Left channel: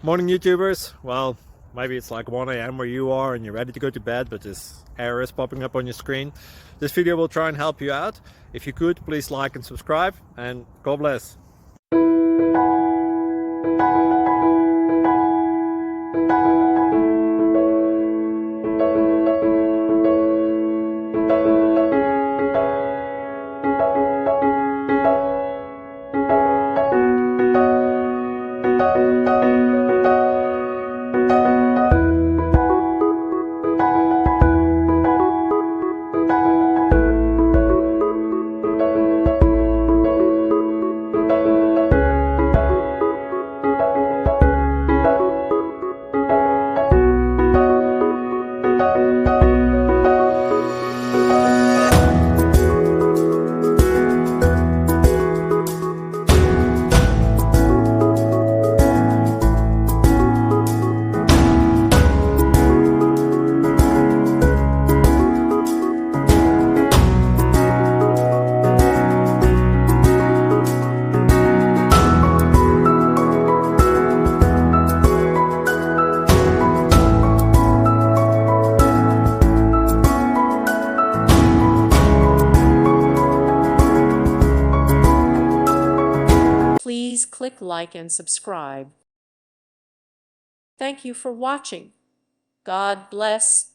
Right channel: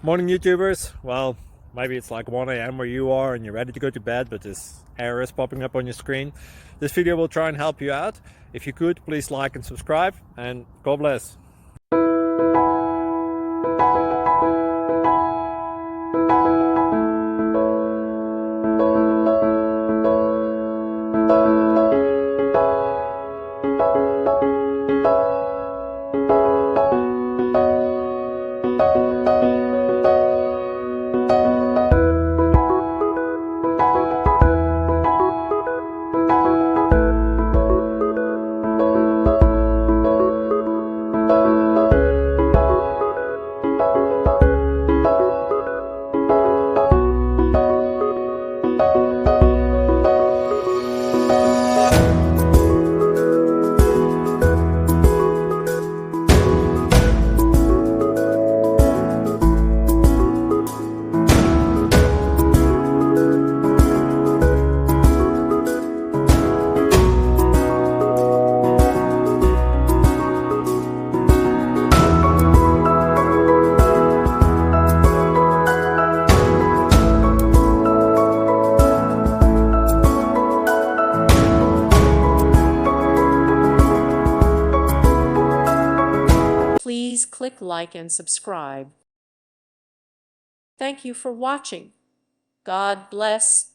Morning, YouTubers. Well, maybe it's like 1 a.m. where you are and you're ready to go to bed, but this error is popping up on your screen. This video will try and help you out. If you could, please like and subscribe, and God bless. Please click like and subscribe. Thank you for watching. God bless.